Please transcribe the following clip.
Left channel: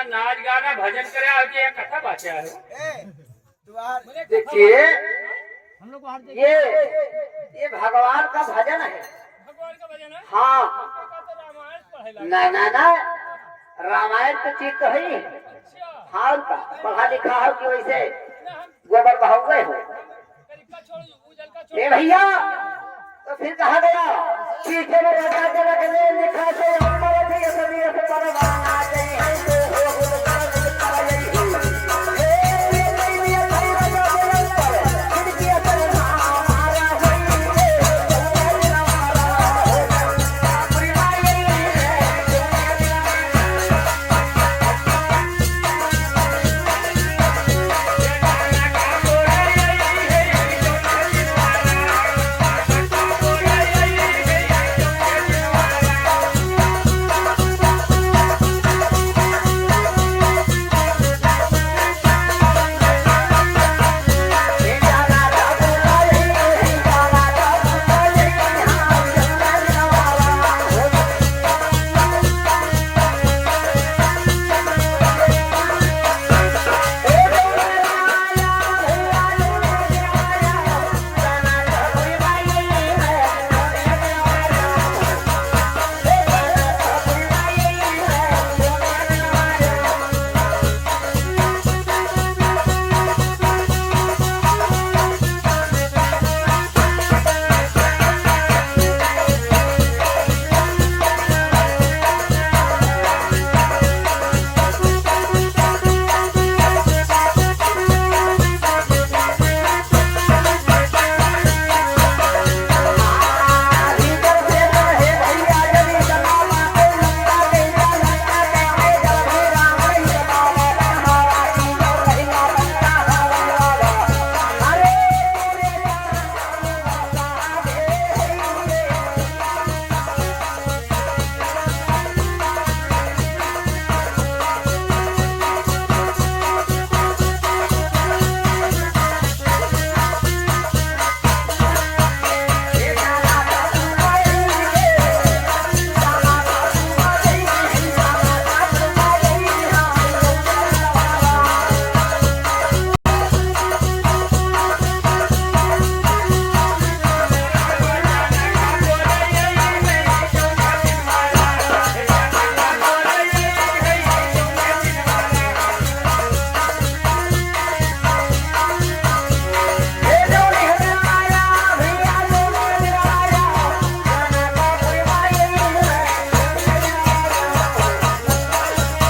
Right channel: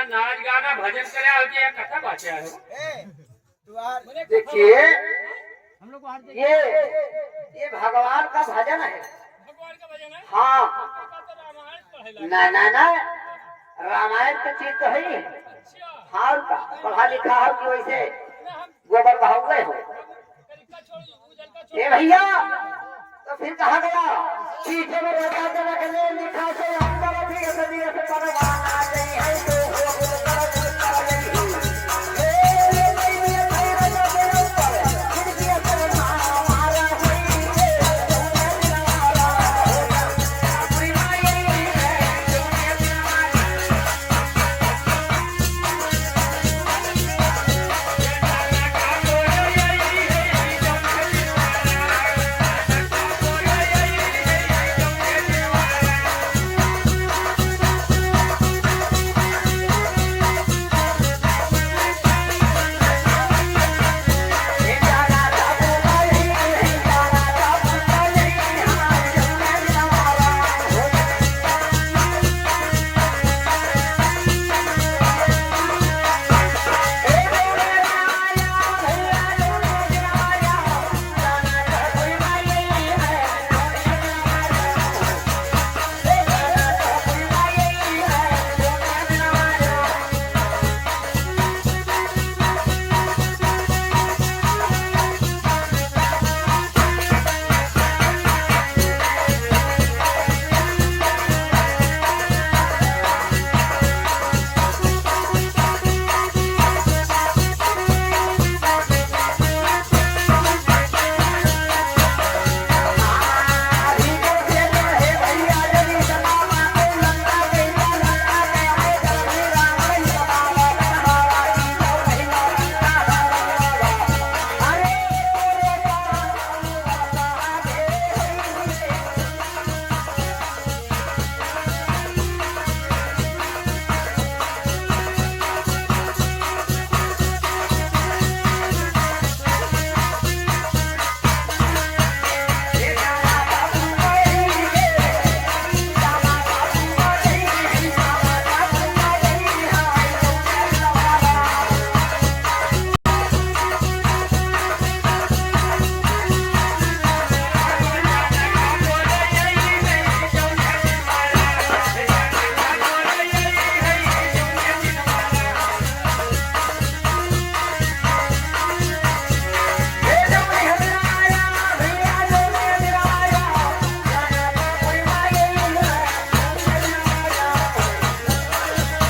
यहाँ नाच गाना भजन करे आओ कि यहाँ कथा बाचा है। देखिए ये भगवान का भजन है। भगवान का भजन है। हाँ तो रामायण पढ़ेला। ना ना ना रामायण तो चीज तो है ही। अच्छा हाँ का पढ़ा लिखा हो कि वैसे ना हम गोबर बहावे हो। कलिका छोड़ उजल का छोड़। ए भैया तो फिर कहा गया पीछे में राजा के रखने